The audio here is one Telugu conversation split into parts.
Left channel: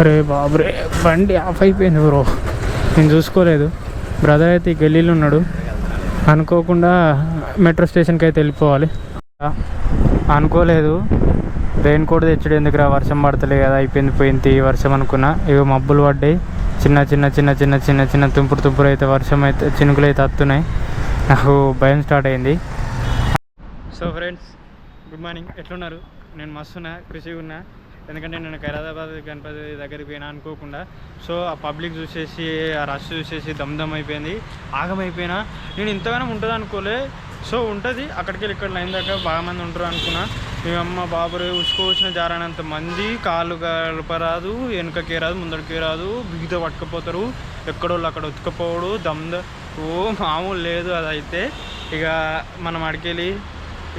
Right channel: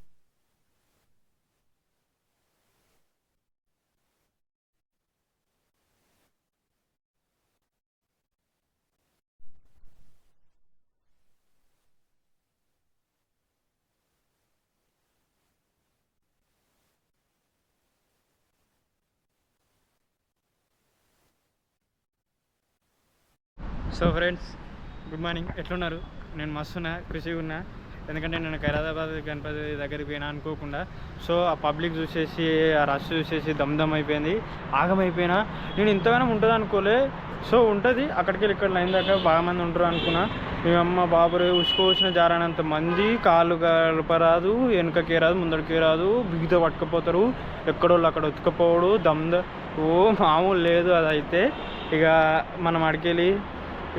అరే బాబురే, బండి ఆఫ్ అయిపోయింది బ్రో. నేను చూసుకోలేదు. బ్రదర్ అయితే ఈ గల్లీలో ఉన్నాడు. అనుకోకుండా మెట్రో స్టేషన్కి అయితే వెళ్ళిపోవాలి. అనుకోలేదు. రెయిన్ కోట్ తెచ్చుడు ఎందుకురా, వర్షం పడతలే కదా, అయిపోయింది పోయింది వర్షం అనుకున్నా. ఇవి మబ్బులు పడ్డాయి, చిన్న చిన్న చిన్న చిన్న చిన్న చిన్న తుంపురు అయితే వర్షం అయితే చినుకులు అయితే వస్తున్నాయి. నాకు భయం స్టార్ట్ అయింది. So friends, good morning. ఎట్లున్నారు? నేను మస్తున్నా, ఖుషిగా ఉన్నా. ఎందుకంటే నేను ఖైరతాబాద్ గణపతి దగ్గరికి పోయినా అనుకోకుండా. సో ఆ పబ్లిక్ చూసేసి, ఆ రష్ చూసేసి దమ్ అయిపోయింది, ఆగమైపోయినా. నేను ఇంతగానో ఉంటుంది అనుకోలే. సో ఉంటుంది, అక్కడికి వెళ్ళి ఇక్కడ లైన్ దాకా బాగా మంది ఉంటారు అనుకున్నా. మేమమ్మ బాబురే ఉసుకోవచ్చిన జారానంత మంది, కాళ్ళు కలపరాదు, వెనుకకే రాదు, ముందడికే రాదు, బిగితో పట్టుకపోతారు, ఎక్కడోళ్ళు అక్కడ ఉతుకపోవడు, ఓ మామూలు లేదు. అదైతే ఇక మనం అడికెళ్ళి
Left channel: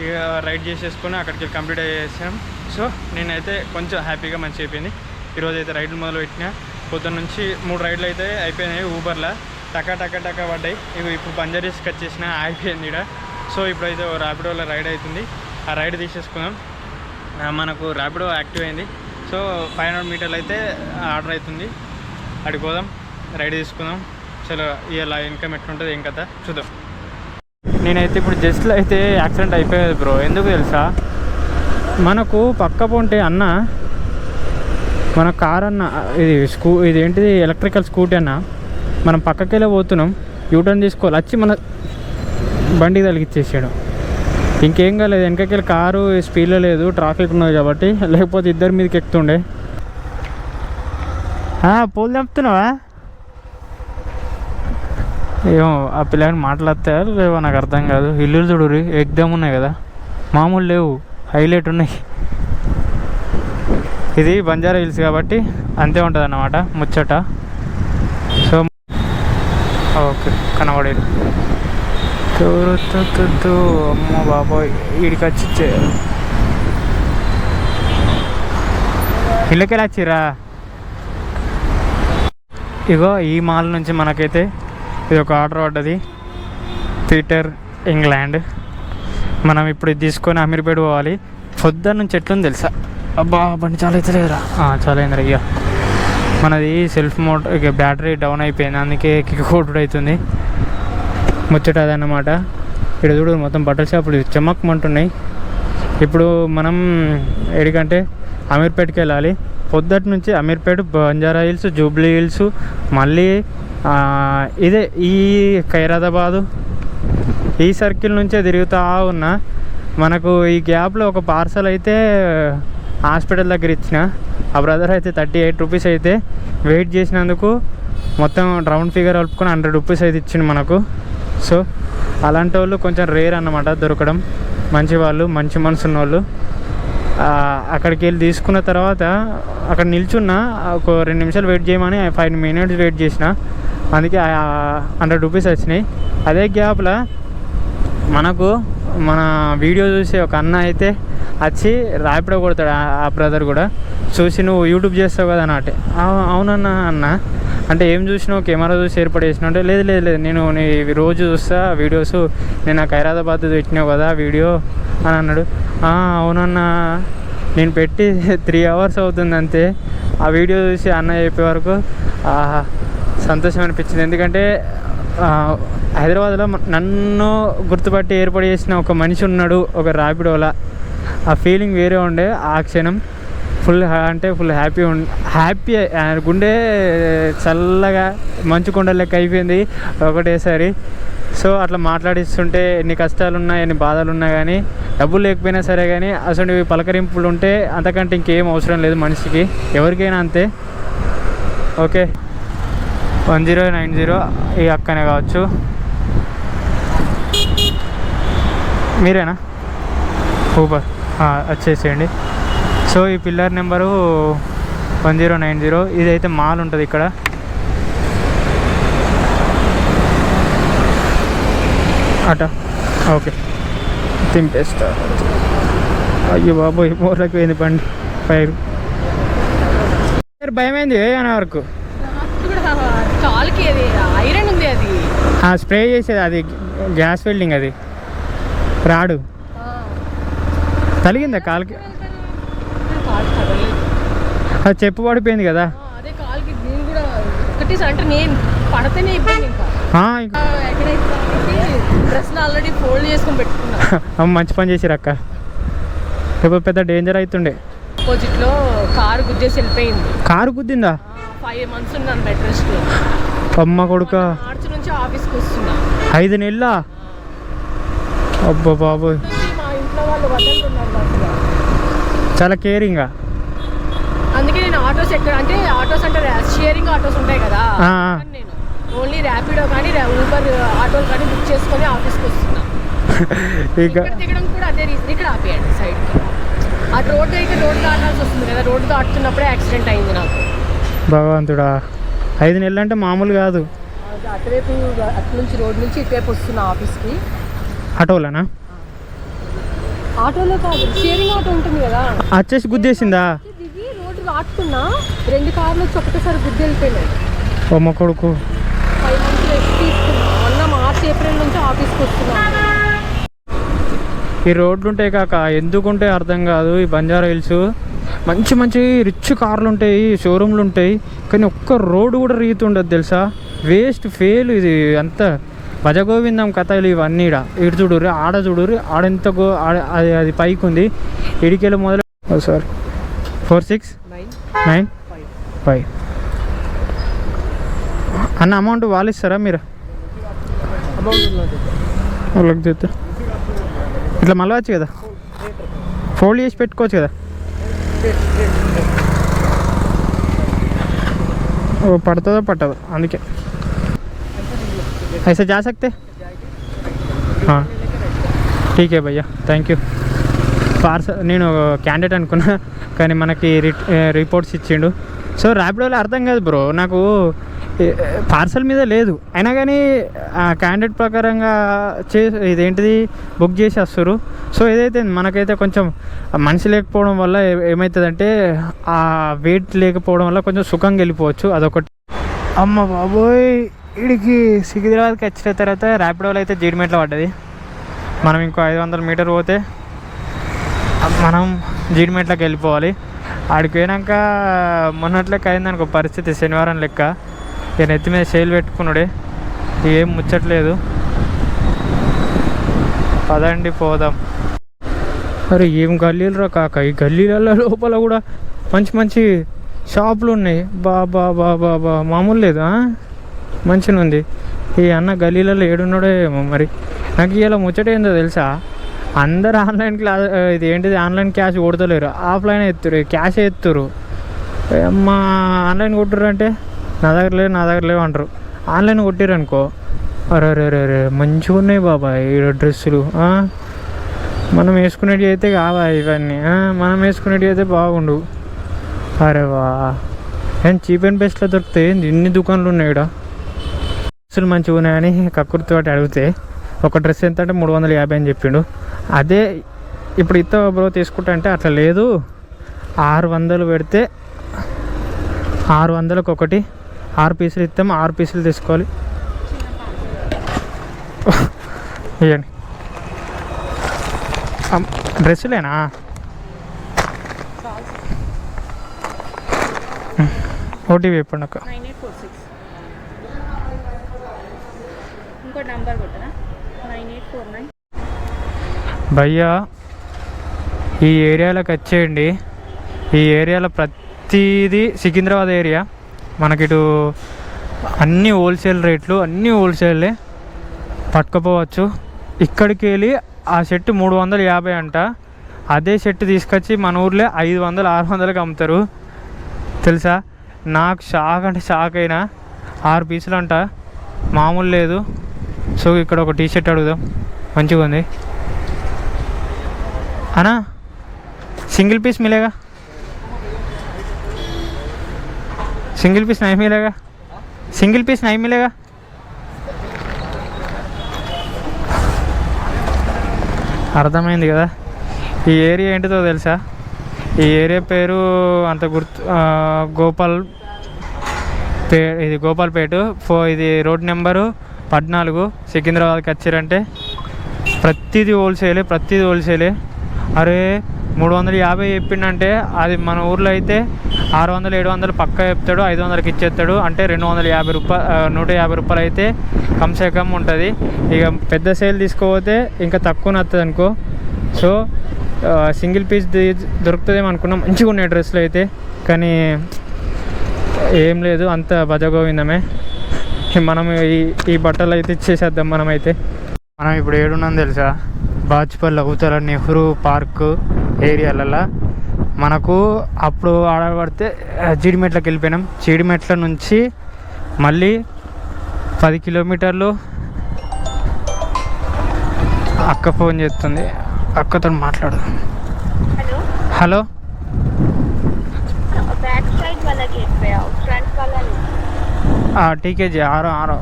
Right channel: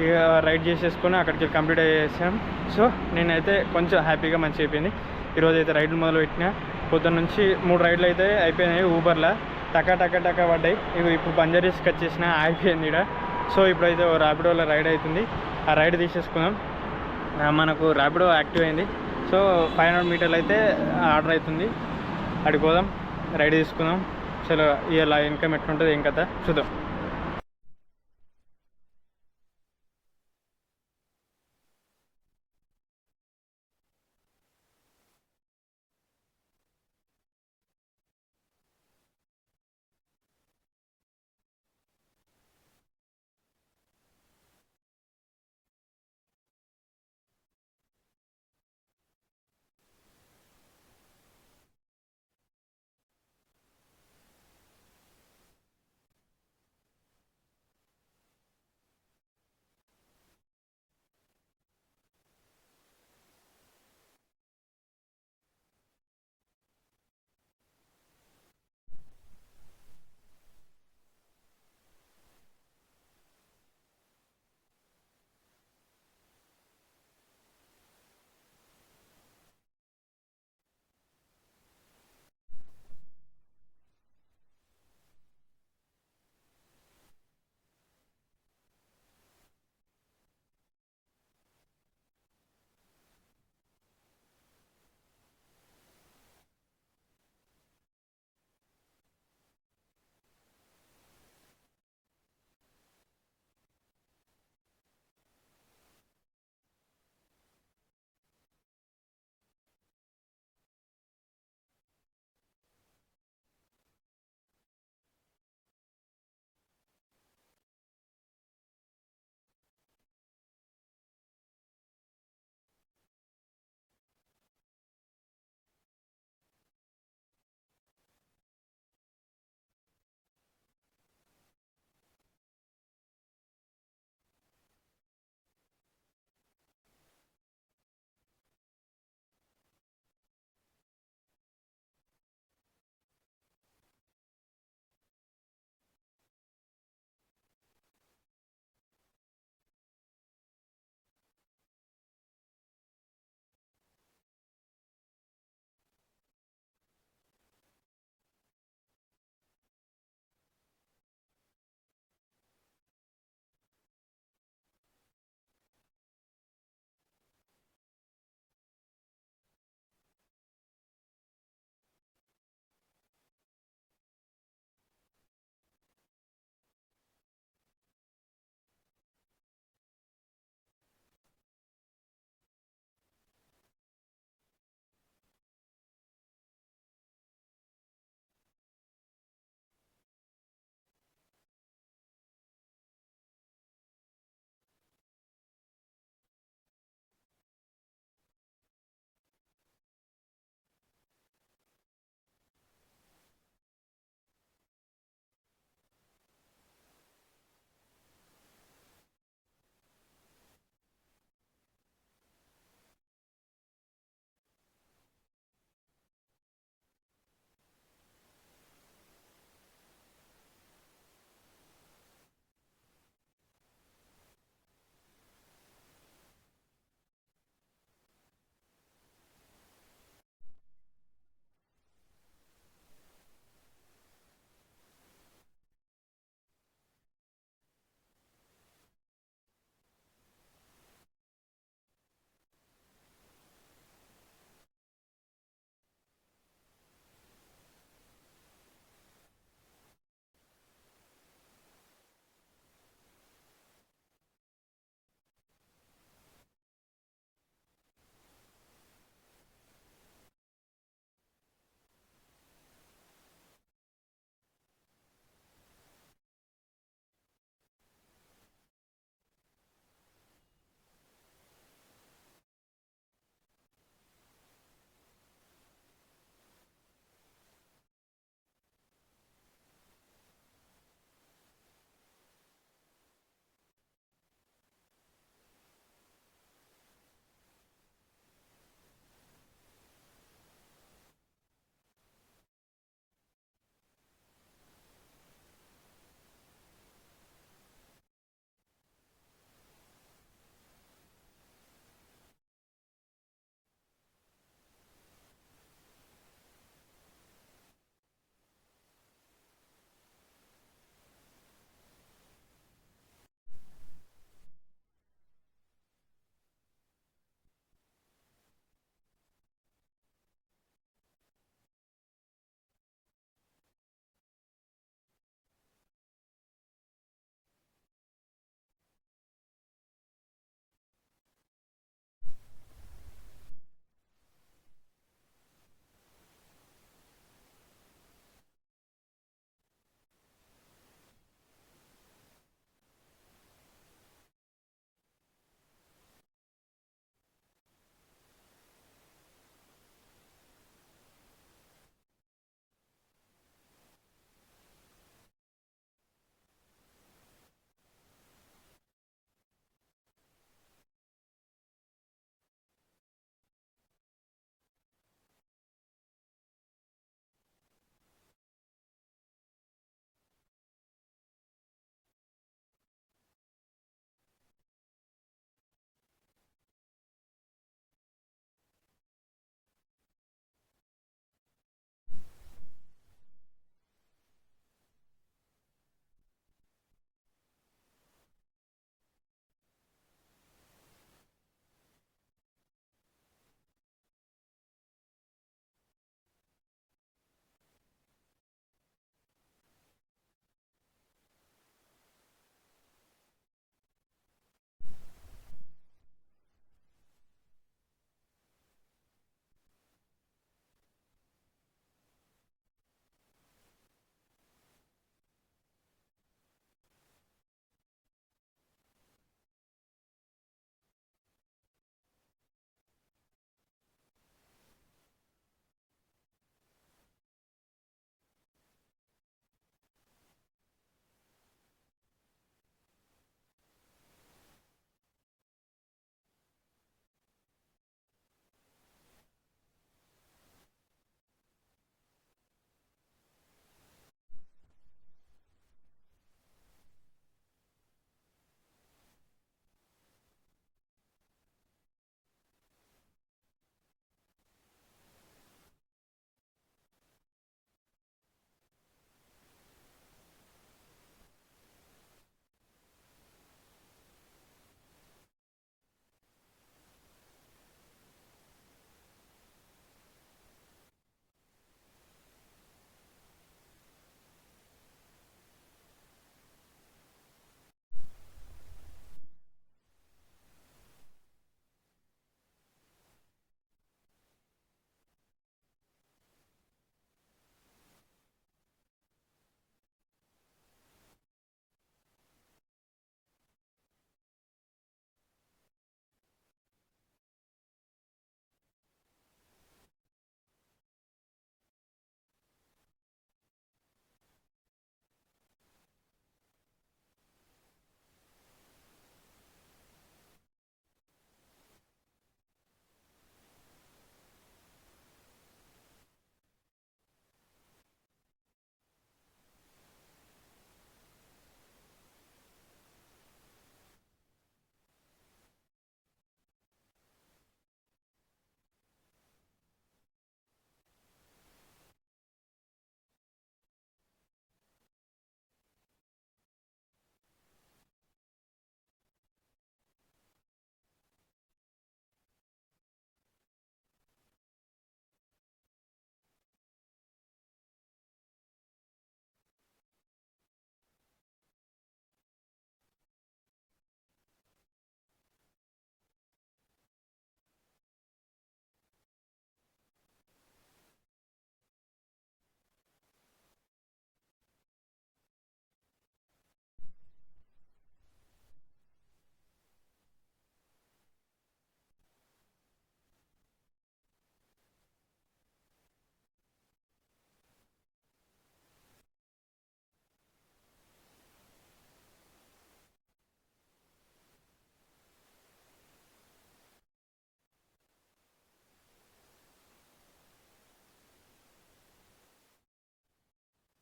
ఇక రైడ్ చేసేసుకొని అక్కడికి కంప్లీట్ చేసాం. సో నేనైతే కొంచెం హ్యాపీగా మంచిగా అయిపోయింది. ఈరోజు అయితే రైడ్లు మొదలు పెట్టినా. పొద్దున్న నుంచి 3 రైడ్లు అయితే అయిపోయినాయి. ఊబర్లో టకా పడ్డాయి. ఇక ఇప్పుడు బంజారీస్కి వచ్చేసిన అయిపోయింది ఇక్కడ. సో ఇప్పుడైతే ర్యాపిడోలో రైడ్ అవుతుంది. ఆ రైడ్ తీసేసుకుందాం. మనకు ర్యాపిడో యాక్టివ్ అయింది. సో 500 మీటర్లు అయితే ఆర్డర్ అవుతుంది. అడిగి పోదాం, రైడ్ తీసుకుందాం. చలో ఇలా ఇన్కమ్ ఎట్లుంటుంది ఏం కదా చూద్దాం. నేనైతే ఇప్పుడు జస్ట్లో అయితే యాక్సిడెంట్ అయిపోయేది బ్రో. ఎందుకు తెలుసా? మనకు పక్క పొంటే అన్న, మన కార్ అన్న, ఇది ఏంటిది ఎలక్ట్రికల్ స్కూటీ అన్న, మనం పక్కకెళ్ళి పోతున్నాం, యూటర్న్ తీసుకోవాలి, వచ్చి మన బండికి తలిగిచ్చేసాడు. ఇంకేం కాలేదు, వెనకకెళ్ళి కారు స్పీడ్లో లేదు, ట్రాఫిక్ ఉన్నది కాబట్టి, లేకపోతే ఇద్దరి మీదకి ఎక్కుతుండే. పోలు చెప్తున్నావా? ఏమో ఆ పిల్లని మాట్లాడతారు లేవో నాకు అర్థం కాదు. ఇల్లు చూడు ఎగ్దమ్ ఉన్నాయి కదా, మామూలు లేవు, హైలైట్ ఉన్నాయి. ఇది బంజారా హిల్స్ కాబట్టి అంతే ఉంటుంది అన్నమాట ముచ్చట. సో ఓకే, కనబడేది. అమ్మ బాబోయ్, వీడికి వచ్చి ఇళ్ళకెళ్ళి వచ్చిరా. ఇగో ఈ మాల్ నుంచి మనకైతే ఇది ఒక ఆర్డర్ పడ్డది, పీటర్ ఇంగ్లాండ్. మనం ఇప్పుడు ఇది తీసుకొని అమీర్పేట పోవాలి. పొద్దున్న నుంచి ఎట్లుంది తెలుసా? అబ్బా బండి చాలా అయితే లేదురా. చాలా అయిందిరా. ఇక మనది సెల్ఫ్ మోటర్, ఇక బ్యాటరీ డౌన్ అయిపోయింది, అందుకే కిక్ కొట్టుడు అవుతుంది. ముచ్చట అదన్నమాట. ఇక్కడ చూడు మొత్తం బట్టల షాపులు చెమ్మక్కమంటున్నాయి. ఇప్పుడు మనం ఎడికంటే అమీర్పేటకి వెళ్ళాలి. పొద్దుటి నుంచి Ameerpet, Banjara hills, Jubilee hills, మళ్ళీ ఇదే ఈ ఖైరతాబాదు, ఈ సర్కిల్ నుంచే తిరుగుతూ ఉన్నా. మనకు ఈ గ్యాప్లో ఒక పార్సల్ అయితే హాస్పిటల్ దగ్గర ఇచ్చిన. ఆ బ్రదర్ అయితే 38 రూపీస్ అయితే వెయిట్ చేసినందుకు మొత్తం రౌండ్ ఫిగర్ కలుపుకొని 100 రూపీస్ అయితే ఇచ్చిండు మనకు. సో అలాంటి వాళ్ళు కొంచెం రేర్ అన్నమాట దొరకడం. మంచి వాళ్ళు, మంచి మనసు ఉన్న వాళ్ళు. అక్కడికి వెళ్ళి తీసుకున్న తర్వాత అక్కడ నిల్చున్నా, ఒక 2 నిమిషాలు వెయిట్ చేయమని 5 మినిట్స్ వెయిట్ చేసిన, అందుకే 100 రూపీస్ వచ్చినాయి. అదే గ్యాప్లో మనకు మన వీడియో చూసి ఒక అన్న అయితే వచ్చి ర్యాపిడో కొడతాడు. ఆ బ్రదర్ కూడా చూసి, నువ్వు యూట్యూబ్ చేస్తావు కదా అన్నట్టే. అవునన్నా అన్న అంటే ఏం చూసినావు, కెమెరా చూసి ఏర్పాటు చేసినావు అంటే, లేదు లేదు లేదు నేను నీ రోజు చూస్తా వీడియోస్, నేను నాకు ఖైరతాబాద్ పెట్టినావు కదా వీడియో అని అన్నాడు. అవునన్నా, నేను పెట్టి 3 అవర్స్ అవుతుంది అంతే. ఆ వీడియో చూసి అన్న చెప్పే వరకు సంతోషం అనిపించింది. ఎందుకంటే హైదరాబాద్లో నన్ను గుర్తుపట్టి ఏర్పాటు చేసిన ఒక మనిషి ఉన్నాడు ఒక ర్యాపిడోలా. ఆ ఫీలింగ్ వేరే ఉండే. ఆ క్షణం ఫుల్ హ్యాపీ గుండె చల్లగా మంచు కొండ లెక్క అయిపోయింది ఒకటేసారి. సో అట్లా మాట్లాడిస్తుంటే ఎన్ని కష్టాలు ఉన్నా, ఎన్ని బాధలు ఉన్నా కానీ, డబ్బులు లేకపోయినా సరే కానీ, అసలు పలకరింపులు ఉంటే అంతకంటే ఇంకేం అవసరం లేదు మనిషికి, ఎవరికైనా అంతే. ఓకే, 1090 ఈ అక్కనే కావచ్చు. మీరేనా? ఊబర్ వచ్చేసేయండి. సో ఈ పిల్లర్ నెంబరు 1090. ఇదైతే మాల్ ఉంటుంది ఇక్కడ. అట ఓకే, తింపేస్తా. అయ్యో బాబోయ్, మోర్లకు పోయింది బండి ఫైర్. భయమైంది అనే వరకు. స్ప్రే చేసేది అది గ్యాస్ వెల్డింగ్, అది రాడు. తలిగిందా కాలుకి? అది చెప్పు పడిపోయింది కదా. అదే కాల్కి నేను కూడా ఒకటి అంటే నేను పడితేనే ఇబ్బంది. ఇంకా డ్రెస్ ఆల్రెడీ ఫోల్డ్ చేసుకొని పెట్టుకున్నా. మంచి పని చేసిరు అక్క, ఇప్పుడు పెద్ద డేంజర్ అవుతుండే. ఆపోజిట్ లో కారు గుద్దేసి వెళ్ళిపోయింది. కారు గుద్దిందా? 5 months ఉన్నాను బెడ్ రెస్ట్ లో. అమ్మ కొడుక, మార్చి నుంచి ఆఫీస్కి వస్తున్నా. 5 నెలల? అబ్బా బాబు, మా ఇంట్లో వాళ్ళు వదలుతున్నారు. చాలా కేరింగా. అందుకే నేను ఆటోస్ ఎక్కడ అంటే ఆటోస్ అంటే షేరింగ్ ఆటోస్ ఉంటాయి కదా, నేను ఓన్లీ ర్యాపిడో కానీ ఊబర్ ఆటోలు కానీ బుక్ చేసుకొని ఆఫీస్కి వస్తున్నా. ఇక్కడ దిగడం కూడా అదే రీజన్. ఇక్కడ ఆపేయండి సైడ్కి. ఆ రోడ్డు అయితే రోడ్డు దాటాల్సి వస్తుంది కదా, రోడ్డు దాటుతున్నప్పుడే యాక్సిడెంట్ అయింది నాకు. భగవంతుడా, 5 నెలలు అంటే మామూలు కాదు. అటువైపు అటు నుంచి రోడ్డు నుంచి ఇటువైపు వస్తున్నా ఆఫీస్కి. ఆటోలోనా? ఆటోలో కాదు, షేరింగ్ ఆటో ఉంటుంది కదా. వచ్చేసి గుద్దేసిందా? దిగి రోడ్డు దాటుతున్నా 2 కార్లు వచ్చి ఒకటేసారి గుద్ది వెళ్ళిపోయినాయి. అమ్మ కొడుకు. 5 months రెస్ట్ తీసుకున్నా. మొన్న మార్చి ఏప్రిల్ నుంచి ఆఫీస్కి వస్తున్నా. ఈ రోడ్లు ఉంటాయి కాక, ఎందుకుంటాయి అర్థం కాదు. ఈ బంజారా హిల్స్ మంచి మంచి రిచ్ కార్లు ఉంటాయి, షోరూమ్లు ఉంటాయి, కానీ ఒక్క రోడ్డు కూడా రీతుండదు తెలుసా. వేస్ట్ ఫెయిల్ ఇది అంతా. భజగోవిందం కథలు ఇవన్నీ. ఇటు చూడుర్రి, ఆడ చూడుర్రి, ఆడెంత అది పైకి ఉంది. ఇడికెళ్ళి మొదలు సార్ 4695 అన్న. అమౌంట్ వాళ్ళు ఇస్తారా మీరు? వాళ్ళకి చెప్తా. ఇట్లా మళ్ళీ వచ్చు కదా, ఫోల్డ్ చేసి పెట్టుకోవచ్చు కదా. ఓ పడుతుందో పట్టదో, అందుకే ऐसे जा सकते? हाँ ठीक है भैया, థ్యాంక్ యూ. పార్సల్ నేను క్యాండిడేట్ అనుకున్నా, కానీ మనకి రిపోర్ట్స్ ఇచ్చిండు. సో ర్యాపిడోలో అర్థం కాదు బ్రో నాకు, పార్సల్ మీద లేదు అయినా కానీ క్యాండిడేట్ ప్రకారంగా ఇదేంటిది బుక్ చేసి వస్తారు. సో ఏదైతే మనకైతే కొంచెం మనిషి లేకపోవడం వల్ల ఏమవుతుందంటే ఆ వెయిట్ లేకపోవడం వల్ల కొంచెం సుఖంగా వెళ్ళిపోవచ్చు, అదొకటి. అమ్మ బాబోయ్, వీడికి సికింద్రాబాద్కి వచ్చిన తర్వాత ర్యాపిడోలో అయితే జీడిమెట్లో పడ్డది. మనం ఇంకో 500 మీటర్ పోతే మనం జీడిమెట్లోకి వెళ్ళిపోవాలి. ఆడికి పోయినాక మొన్నట్లెక్క అయిందనుకో పరిస్థితి, శనివారం లెక్క. ఇక నెత్తి మీద సేల్ పెట్టుకున్నాడే, ఏం ముచ్చట్లేదు. పదండి పోదాం. అరే ఏం గల్లీలు రా కాక, ఈ గల్లీలలో లోపల కూడా మంచి మంచి షాపులు ఉన్నాయి. బాబా బాబా బా మామూలు లేదు, మంచిగా ఉంది. ఈ అన్న గల్లీలలో ఏడున్నాడో ఏమో మరి. నాకు ఇలా ముచ్చట ఏందో తెలుసా, అందరు ఆన్లైన్ క్లాస్ ఇది ఏంటిది ఆన్లైన్ క్యాష్ కొడతలేరు, ఆఫ్లైన్ ఎత్తురు, క్యాష్ ఎత్తురు. అమ్మా ఆన్లైన్ కొట్టుర్రు అంటే నా దగ్గర లేవు అంటారు. ఆన్లైన్ కొట్టిర్రు అనుకో, అరే మంచిగా ఉన్నాయి బాబాయ్ ఈ డ్రెస్సులు. మనం వేసుకునేవి అయితే కావా ఇవన్నీ, మనం వేసుకునేవి అయితే బాగుండు. అరే వా, ఏం చీప్ అండ్ బెస్ట్లో దొరుకుతాయి. ఇన్ని దుకాణాలు ఉన్నాయి ఇక్కడ. డ్రెస్సులు మంచిగా ఉన్నాయని కక్కుర్తో అడిగితే ఒక డ్రెస్ ఎంత అంటే 350 అని చెప్పిండు. అదే ఇప్పుడు ఇత్త బ్రో తీసుకుంటా అంటే అట్లా లేదు, 600 పెడితే 600కి ఒకటి 6 పీసులు ఇస్తాం, 6 పీసులు తీసుకోవాలి. ఇవ్వండి డ్రెస్సులేనా? ఓటీపీ చెప్పండి అక్క. 9846 ఇంకో నంబర్ కొట్టనా, 9849. భయ్యా ఈ ఏరియాలోకి వచ్చేయండి. ఈ ఏరియాలో ప్రతిదీ సికింద్రాబాద్ ఏరియా. మనకిటు అన్నీ హోల్సేల్ రేట్లు, అన్నీ హోల్సేల్లే పట్టుకుపోవచ్చు. ఇక్కడికి వెళ్ళి ఆ షర్ట్ 350 అంట, అదే షర్ట్ తీసుకొచ్చి మన ఊర్లో 500-600కి అమ్ముతారు తెలుసా. నాకు షాక్ అంటే షాక్ అయినా. 6 పీసులు అంట, మామూలు లేదు. సో ఇక్కడ ఒక టీ షర్ట్ అడుగుదాం, మంచిగా ఉంది అన్నా. సింగిల్ పీస్ మిలేగా? సింగిల్ పీస్ नहीं मिलेगा? సింగిల్ పీస్ नहीं मिलेगा? అర్థమైంది కదా. ఈ ఏరియా ఏంటిదో తెలుసా? ఈ ఏరియా పేరు అంత గుర్తు, ఇది గోపాల్పేట. ఇది రోడ్ నెంబరు 14 సికింద్రాబాద్కి వచ్చారంటే ప్రతిదీ హోల్సేలే. అరే 350 చెప్పిండంటే అది మన ఊర్లో అయితే 600 700 పక్క చెప్తాడు, 500కి ఇచ్చేస్తాడు. అంటే 250 రూపాయలు 150 రూపాయలు అయితే కమ్సే కమ్ ఉంటుంది. ఇక పెద్ద సేల్ తీసుకోపోతే ఇంకా తక్కువ వస్తుంది అనుకో. సో సింగిల్ పీస్ దొరుకుతుందేమో అనుకున్నాం, మంచిగా ఉన్నాయి డ్రెస్సులు అయితే. కానీ ఏం లేదు, అంత భజగోవిందమే. మనం ఈ బట్టలు అయితే ఇచ్చేసేద్దాం. మనం ఇప్పుడు ఏడున్నాం తెలుసా? బాచ్పల్లి అవుతార నెహ్రూ పార్క్ ఏరియాలలో. మనకు అప్పుడు ఆడబడితే జీడిమెట్లకి వెళ్ళిపోయినాం. జీడిమెట్ల నుంచి మళ్ళీ 10 కిలోమీటర్లు. అక్క ఫోన్ చేస్తుంది, అక్కతో మాట్లాడు. హలో ठीक है जी, आ रहा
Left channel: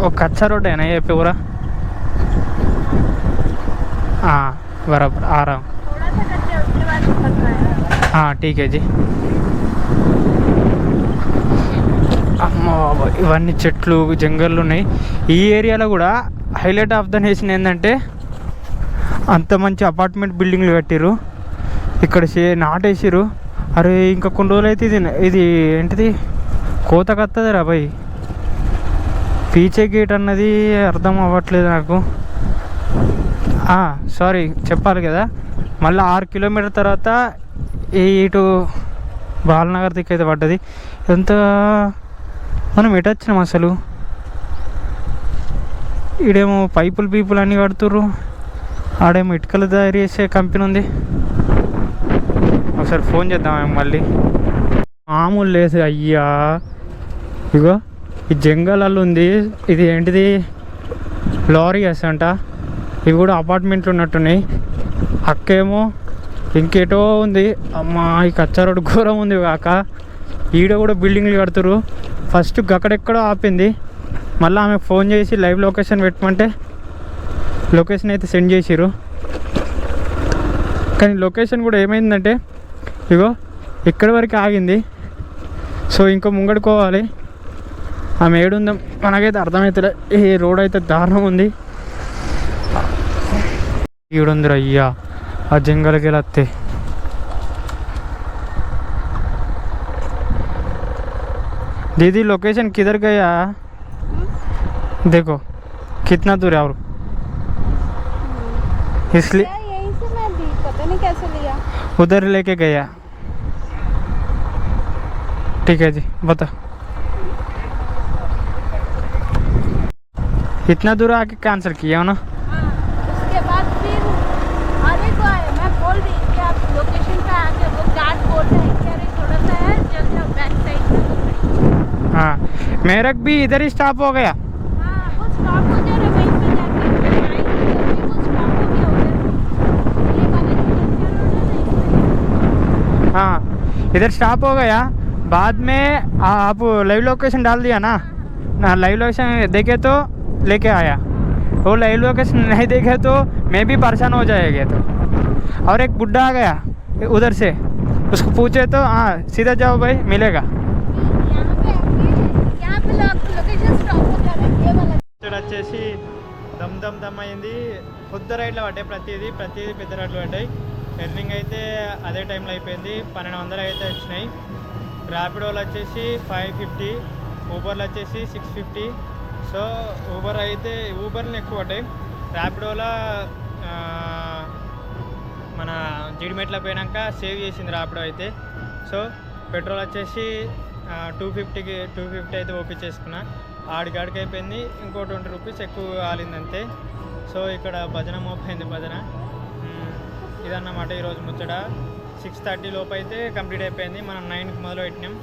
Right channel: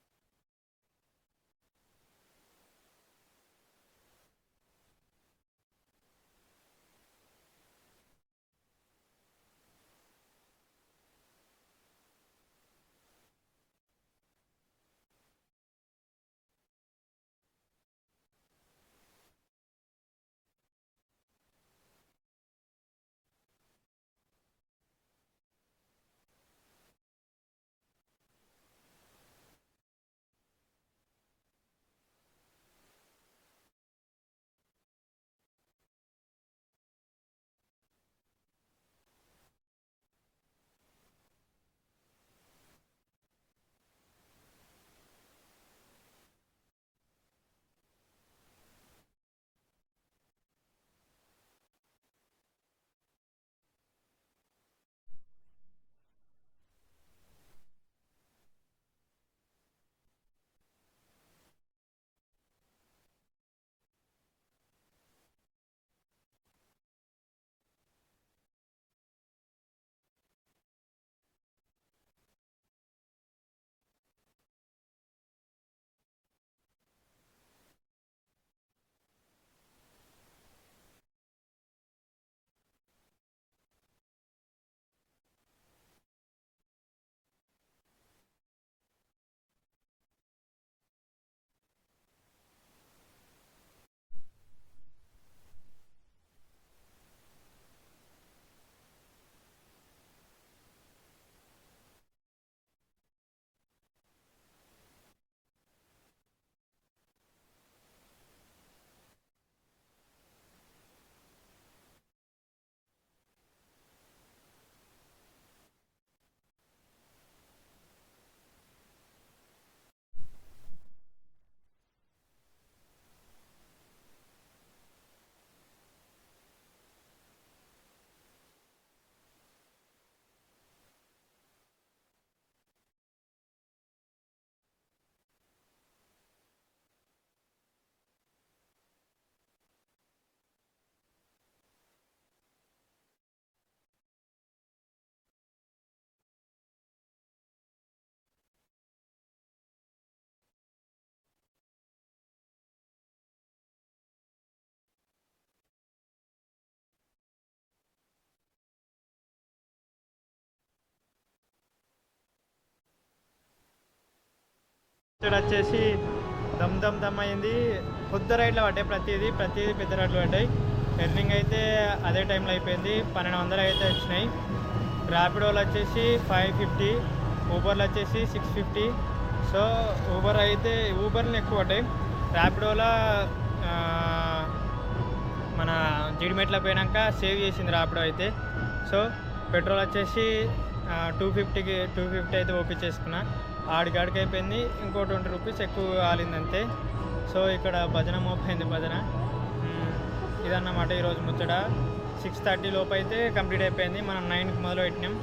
वो कच्चा रोड है ना ये पूरा? हाँ बराबर, आ रहा हूँ. हाँ ठीक है जी. అమ్మ బాబా, ఇవన్నీ చెట్లు జంగళ్ళు ఉన్నాయి. ఈ ఏరియాలో కూడా హైలైట్ ఆఫ్ ద నేషన్ ఏంటంటే అంత మంచి అపార్ట్మెంట్ బిల్డింగ్లు కట్టిర్రు. ఇక్కడ నాటేసిర్రు. అరే ఇంకా కొన్ని రోజులు అయితే ఇది ఏంటిది కోత కత్తది రా భయ్. పీచే గేట్ అన్నది అర్థం అవ్వట్లేదు నాకు. సారీ చెప్పాలి కదా. మళ్ళీ 6 కిలోమీటర్ తర్వాత ఇటు బాలనగర్ దిక్కైతే పడ్డది. ఎంత మనం ఎటు వచ్చినాం అసలు? ఈడేమో పైపులు అన్నీ కడుతుర్రు, ఆడేమో ఇటుకలు తయారు చేసే కంపెనీ ఉంది. ఒకసారి ఫోన్ చేద్దాం మళ్ళీ. మామూలు లేదు అయ్యా. ఇగో ఈ జంగల్లో ఉంది. ఇది ఏంటిది లారీస్ అంట. ఇవి కూడా అపార్ట్మెంట్లు ఉన్నట్టున్నాయి. అక్కేమో ఇంకేటో ఉంది. అమ్మా ఈ కచ్చా రోడ్డు ఘోరం ఉంది కాక. ఈడ కూడా బిల్డింగ్లు కడుతురు. ఫస్ట్ అక్కడెక్కడో ఆపింది. మళ్ళీ ఆమెకు ఫోన్ చేసి లైవ్ లొకేషన్ పెట్టమంటే లొకేషన్ అయితే సెండ్ చేసిరు. కానీ లొకేషన్ కూడా ఏమైందంటే ఇగో ఇక్కడి వరకు ఆగింది. సో ఇంకా ముంగడుకోవాలి. ఆమె ఏడుందో మనకైతే అర్థమవుతుంది. ఈ రోడ్ అయితే దారుణం ఉంది. ఈడుందిరా అయ్యా, ఆ జంగలకి వెళ్ళి వస్తే. दीदी लोकेशन किधर गया? देखो कितना दूर है और इसलिए यहीं से मैं दी, पता नहीं कैसे लिया, उधर लेके गया. ठीक है जी, बता. इतना दूर आके कैंसिल किया ना? उसके बाद फिर आगे को आए. मैं बोल रही कि आप लोकेशन पे आके वो गार्ड बोल रहे हैं कि अरे थोड़ा सा है जल्दी आप बैक साइड में. हाँ मेरा भी इधर ही स्टॉप हो गया. हाँ वो स्टॉप हो जा रहा है वहीं पे जाके वो स्टॉप हो गया उधर. ये वाला जो कच्चा रोड है ना, हाँ इधर स्टॉप हो गया. बाद में आप लाइव लोकेशन डाल दिया ना? लाइव लोकेशन देखे तो लेके आया. वो लाइव लोकेशन नहीं देखे तो मैं भी परेशान हो जाएगा. तो और एक बुड्ढा आ गया उधर से, उसको पूछे तो हाँ सीधा जाओ भाई मिलेगा. यहाँ पे लोकेशन स्टॉप हो जा रहा है ये वाला. ఇక్కడ వచ్చేసి దమ్ అయింది. కొద్ది రైడ్లు పడ్డాయి. ప్రతిదీ పెద్ద రైడ్లు పడ్డాయి. ఎర్నింగ్ అయితే అదే టైంలో అయిపోయింది. 1200 అయితే వచ్చినాయి. ర్యాపిడోలు వచ్చేసి 550, ఊబర్లు వచ్చేసి 650. సో ఊబర్లు ఎక్కువ పడ్డాయి. ర్యాపిడోలో మన జీడిమెట్ల పోయినాక సేవ్ చేసింది ర్యాపిడో అయితే. సో పెట్రోల్ వచ్చేసి 250 అయితే ఓపించేసుకున్నా. ఆడికాడికి అయిపోయింది. ఇంకో 20 రూపీస్ ఎక్కువ కాలిందంతే. సో ఇక్కడ భజన మోపైంది భజన. ఇదన్నమాట ఈరోజు ముచ్చట. 6:30 లోపు అయితే కంప్లీట్ అయిపోయింది. మనం 9కి మొదలు పెట్టినాం.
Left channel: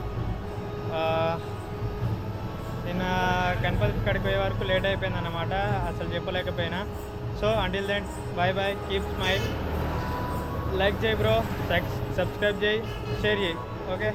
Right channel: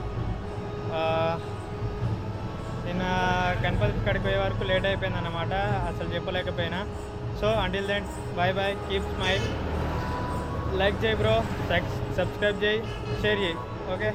నిన్న గణపతి కాడికి పోయే వరకు లేట్ అయిపోయింది అన్నమాట. అసలు చెప్పలేకపోయినా. So until then bye bye, keep smile. Like చేయి బ్రో, సబ్స్క్రైబ్ చేయి, షేర్ చేయి. ఓకే.